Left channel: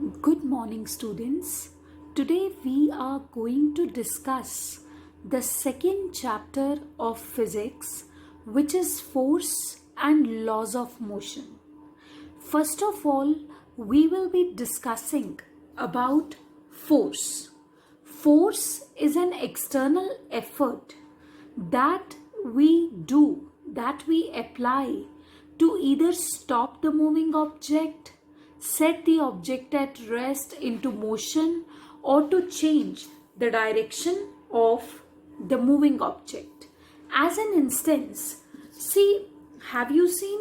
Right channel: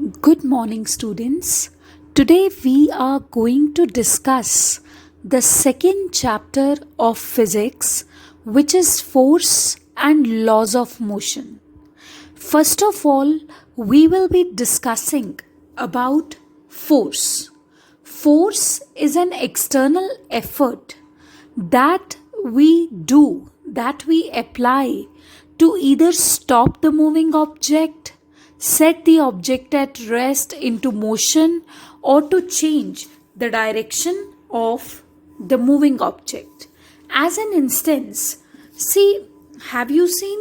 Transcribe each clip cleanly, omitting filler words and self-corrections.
Good morning, students. Today we are going to discuss the second chapter of physics, which is force and laws of motion. First of all, we will be discussing about force. Force is an external effort that we do, that we apply to either stop the moving object, set the object at rest into motion, or to change the direction of the moving object. As an instance, see, have you seen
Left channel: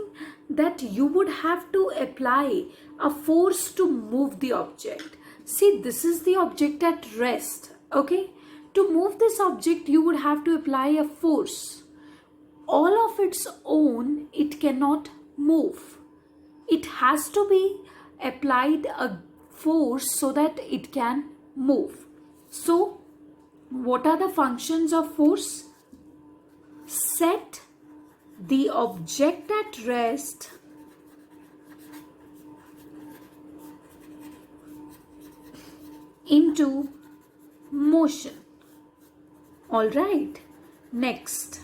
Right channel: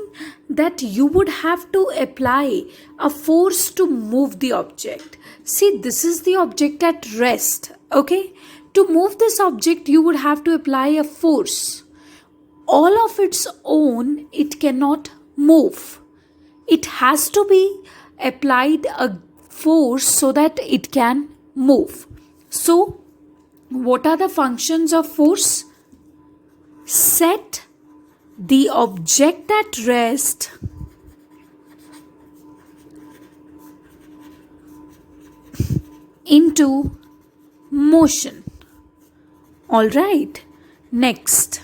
that you would have to apply a force to move the object? See, this is the object at rest, okay? To move this object, you would have to apply a force. All of its own, it cannot move. It has to be applied a force so that it can move. So, what are the functions of force? Set the object at rest into motion. Alright, next,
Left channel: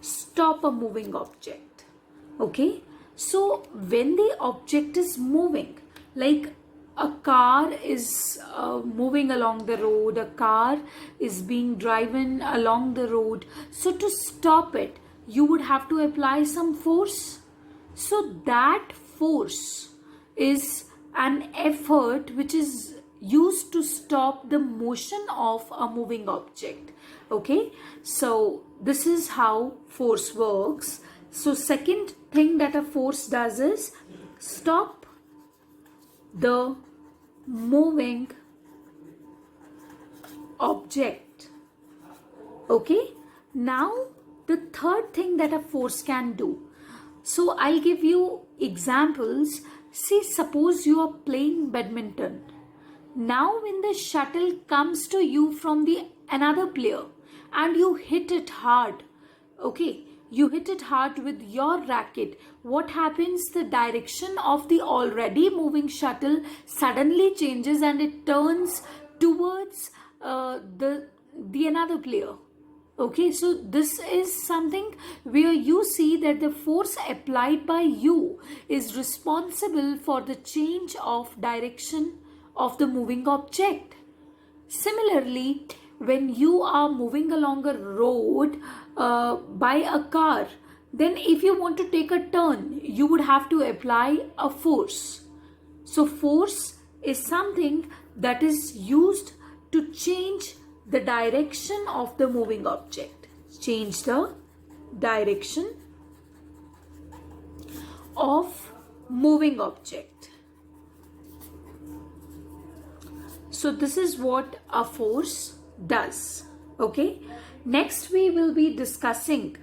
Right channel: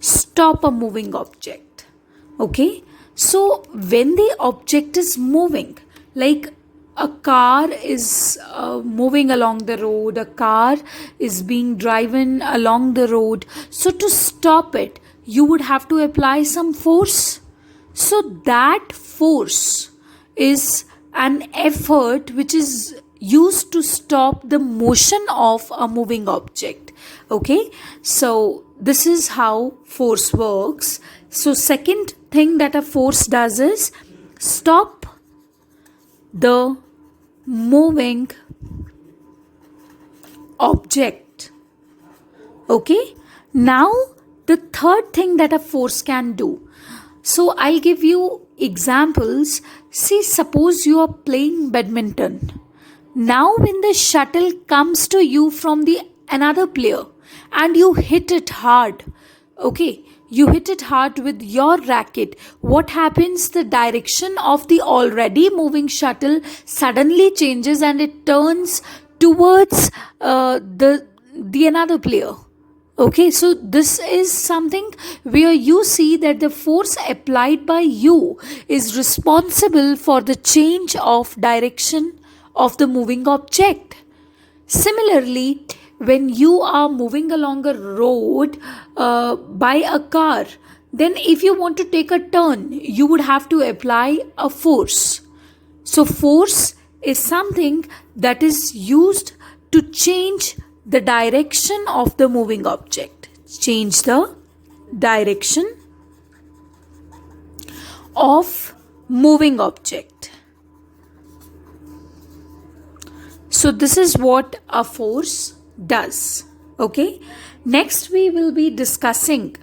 stop a moving object. Okay, so when the object is moving, like a car is moving along the road, a car is being driven along the road, so to stop it, you would have to apply some force. So that force is an effort which is used to stop the motion of a moving object. Okay, so this is how force works. So second thing that a force does is stop the moving object. Okay, now the third thing that a force can do. So I'll give you examples. See, suppose you are playing badminton. Now when the shuttle comes to you from the another player and you hit it hard, okay, you hit it hard with your racket, what happens? The direction of the already moving shuttle suddenly changes and it turns towards the another player. Okay, so this is something where you see that the force applied by you is responsible for the change of direction of the moving object. Similarly, when you are moving along a road by a car, then if you want to take a turn, you would have to apply a force. So, force is something that is used to change the direction of the moving object. Change the direction of moving object. So this is what a force does. Okay. Next we will be discussing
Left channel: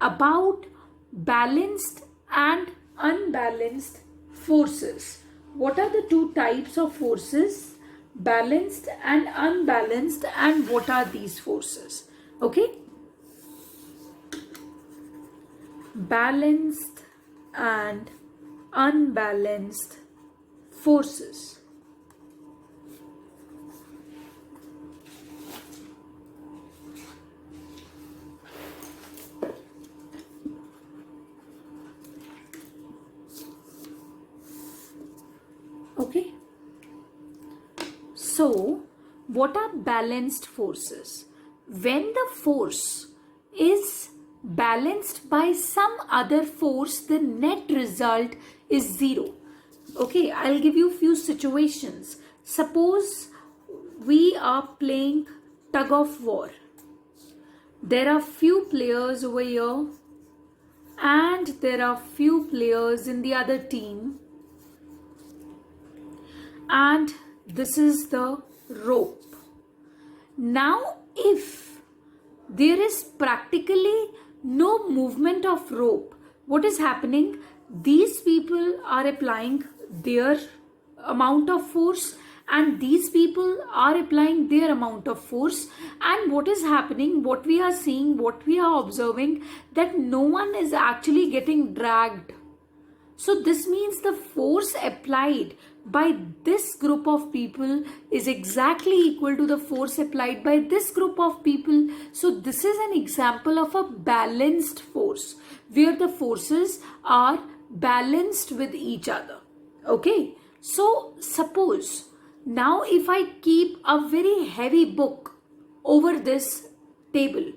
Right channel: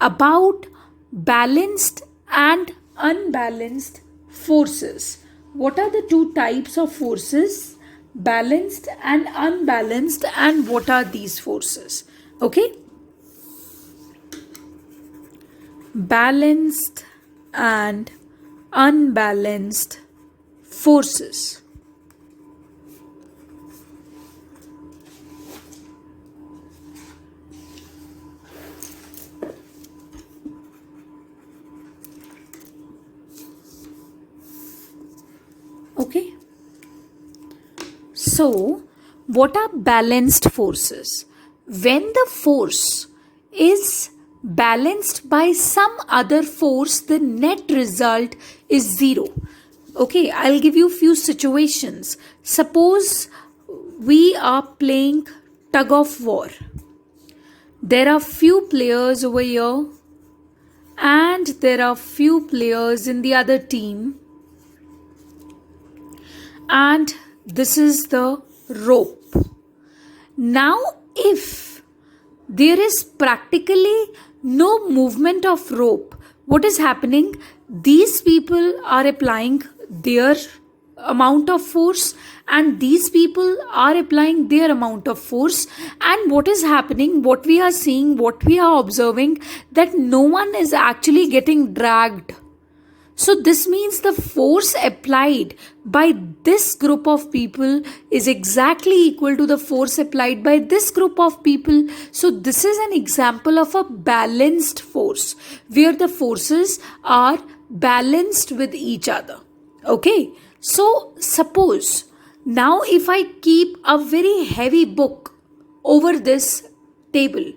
about balanced and unbalanced forces. What are the two types of forces? Balanced and unbalanced, and what are these forces? Okay. Balanced and unbalanced forces. Okay. So, what are balanced forces? When the force is balanced by some other force, the net result is zero. Okay, I'll give you few situations. Suppose we are playing tug of war. There are few players over here and there are few players in the other team, and this is the rope. Now, if there is practically no movement of rope, what is happening? These people are applying their amount of force and these people are applying their amount of force, and what is happening, what we are seeing, what we are observing, that no one is actually getting dragged. So this means the force applied by this group of people is exactly equal to the force applied by this group of people. So this is an example of a balanced force where the forces are balanced with each other. Okay. So suppose now if I keep a very heavy book over this table,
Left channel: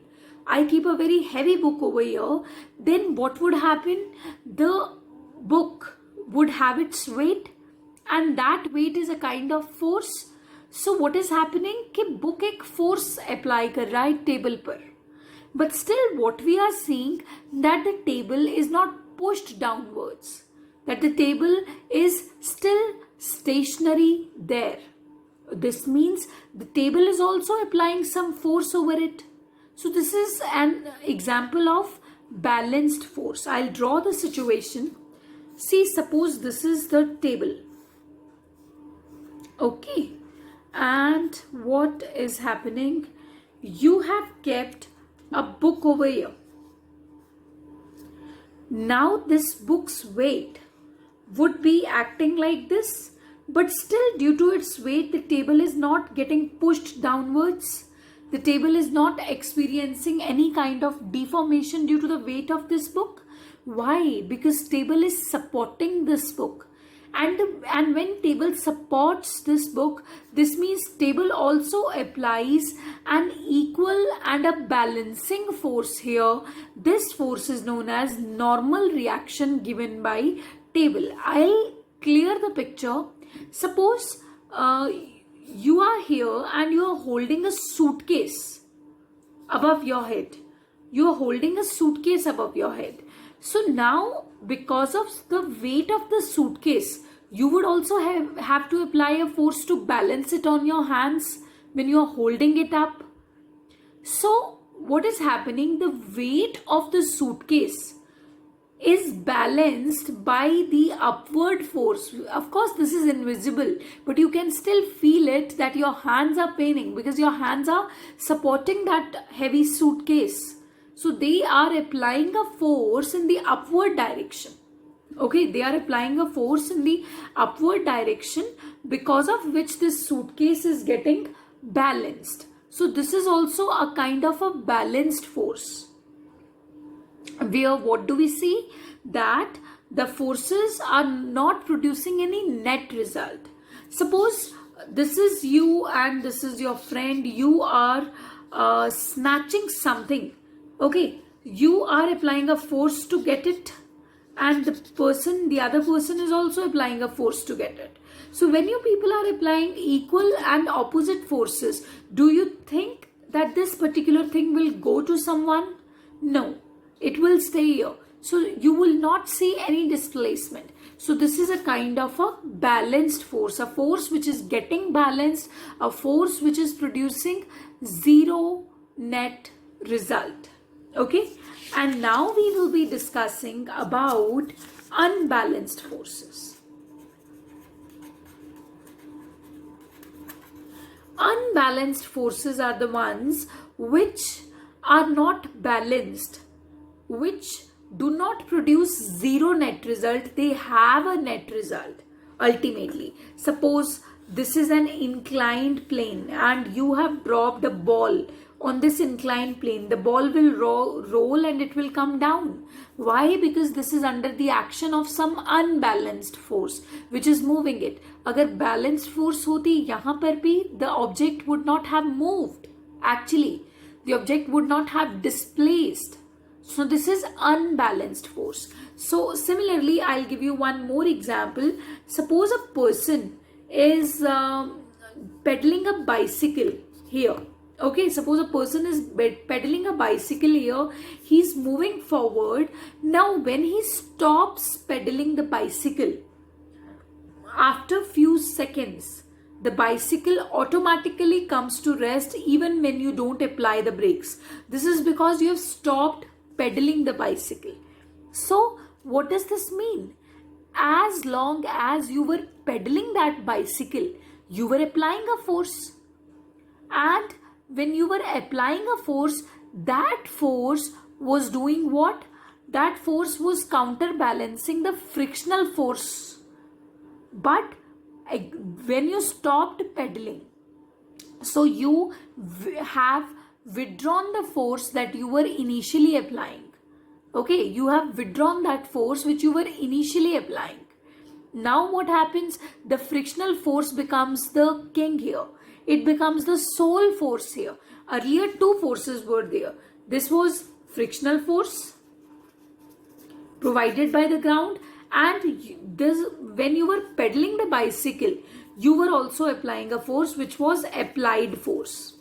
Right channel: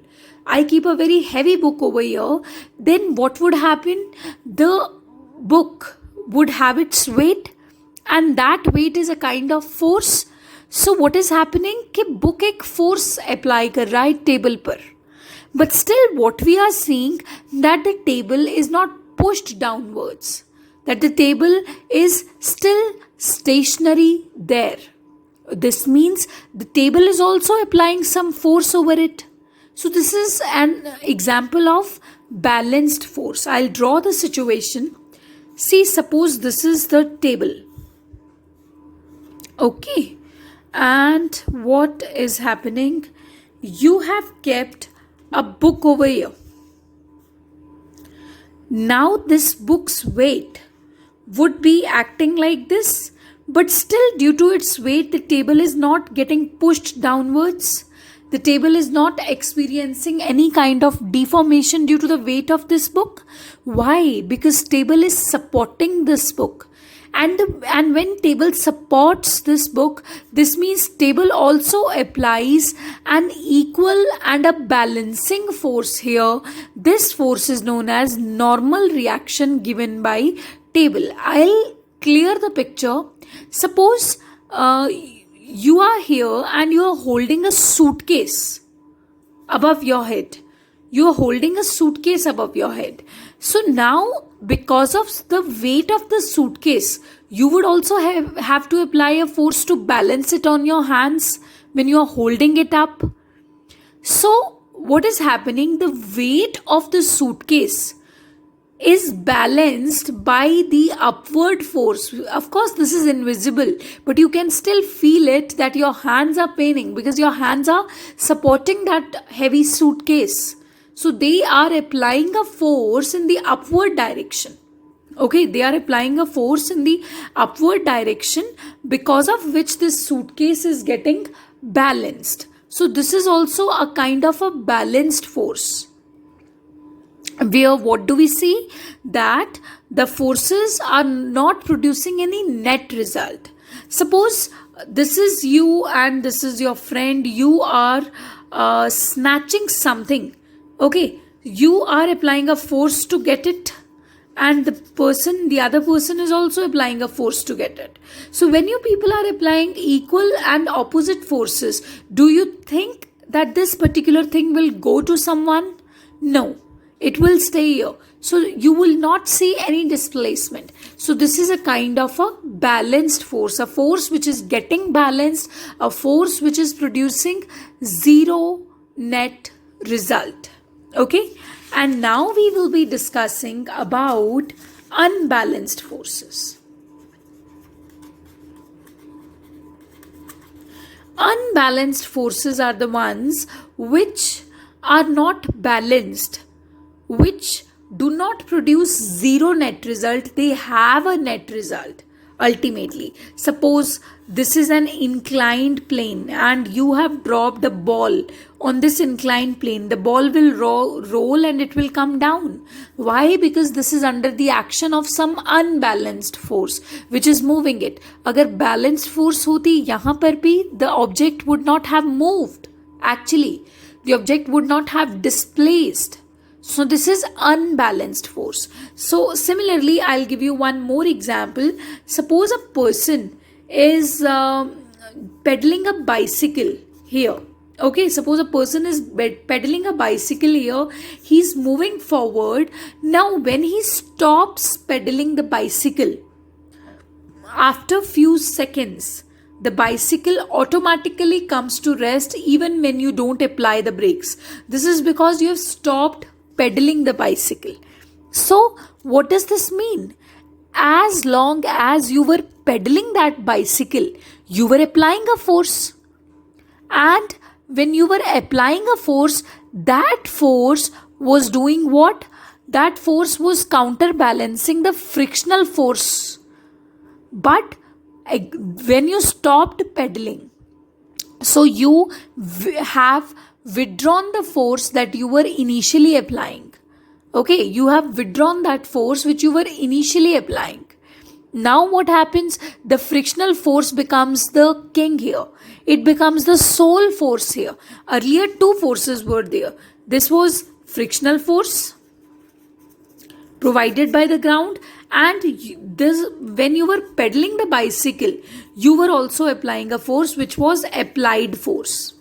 I keep a very heavy book over here, then what would happen? The book would have its weight, and that weight is a kind of force. So what is happening कि book एक force apply कर रहा है table पर, but still what we are seeing that the table is not pushed downwards, that the table is still stationary there. This means the table is also applying some force over it. So this is an example of balanced force. I'll draw the situation. See, suppose this is the table. Okay. And what is happening? You have kept a book over here. Now this book's weight would be acting like this, but still due to its weight, the table is not getting pushed downwards. The table is not experiencing any kind of deformation due to the weight of this book. Why? Because table is supporting this book. And when table supports this book, this means table also applies an equal and a balancing force here. This force is known as normal reaction given by table. I'll clear the picture. Suppose you are here and you are holding a suitcase above your head. You are holding a suitcase above your head. So now, because of the weight of the suitcase, you would also have to apply a force to balance it on your hands when you are holding it up. So what is happening? The weight of the suitcase is balanced by the upward force. Of course, this is invisible, but you can still feel it that your hands are paining because your hands are supporting that heavy suitcase. So they are applying a force in the upward direction. Okay, they are applying a force in the upward direction because of which this suitcase is getting balanced. So this is also a kind of a balanced force. Where what do we see? That the forces are not producing any net result. Suppose this is you and this is your friend. You are snatching something. Okay, you are applying a force to get it, and the other person is also applying a force to get it. So when you people are applying equal and opposite forces, do you think that this particular thing will go to someone? No, it will stay here. So you will not see any displacement. So this is a kind of a balanced force, a force which is getting balanced, a force which is producing zero net result. Okay, and now we will be discussing about unbalanced forces. Unbalanced forces are the ones which are not balanced, which do not produce zero net result. They have a net result ultimately. Suppose this is an inclined plane and you have dropped a ball on this inclined plane. The ball will roll and it will come down. Why? Because this is under the action of some unbalanced force which is moving it. Agar balanced force hoti yahan par bhi, the object would not have moved. Actually, the object would not have displaced. So this is unbalanced force. So similarly, I'll give you one more example. Suppose a person is pedaling a bicycle here. Okay, suppose a person is pedaling a bicycle here. He's moving forward. Now when he stops pedaling the bicycle, after few seconds, the bicycle automatically comes to rest even when you don't apply the brakes. This is because you have stopped pedaling the bicycle. So what does this mean? As long as you were pedaling that bicycle, you were applying a force. And when you were applying a force, that force was doing what? that force was counterbalancing the frictional force. But when you stopped pedaling, so you have withdrawn the force that you were initially applying. Okay, you have withdrawn that force which you were initially applying. Now what happens? The frictional force becomes the king here. It becomes the sole force here. Earlier two forces were there. This was frictional force provided by the ground, and this, when you were pedaling the bicycle, you were also applying a force which was applied force.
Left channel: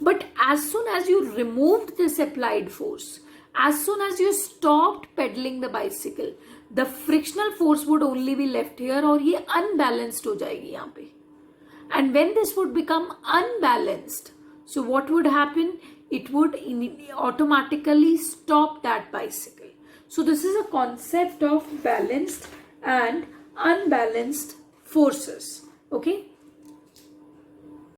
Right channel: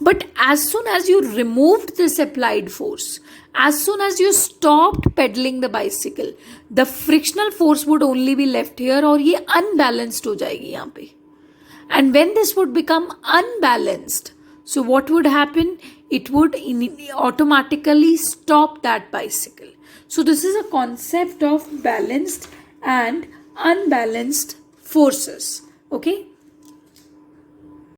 But as soon as you removed this applied force, as soon as you stopped pedaling the bicycle, the frictional force would only be left here, और ये unbalanced हो जाएगी यहाँ पे. And when this would become unbalanced, so what would happen? It would automatically stop that bicycle. So this is a concept of balanced and unbalanced forces. Okay.